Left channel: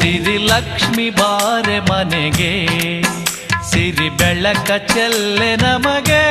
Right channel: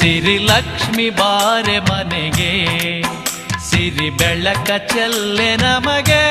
ಸಿರಿ ಲಕ್ಷ್ಮಿ ಬಾರೆ ಮನೆಗೆ ಸಿರಿ ಬೆಳಕ ಚೆಲ್ಲೆ ನಮಗೆ.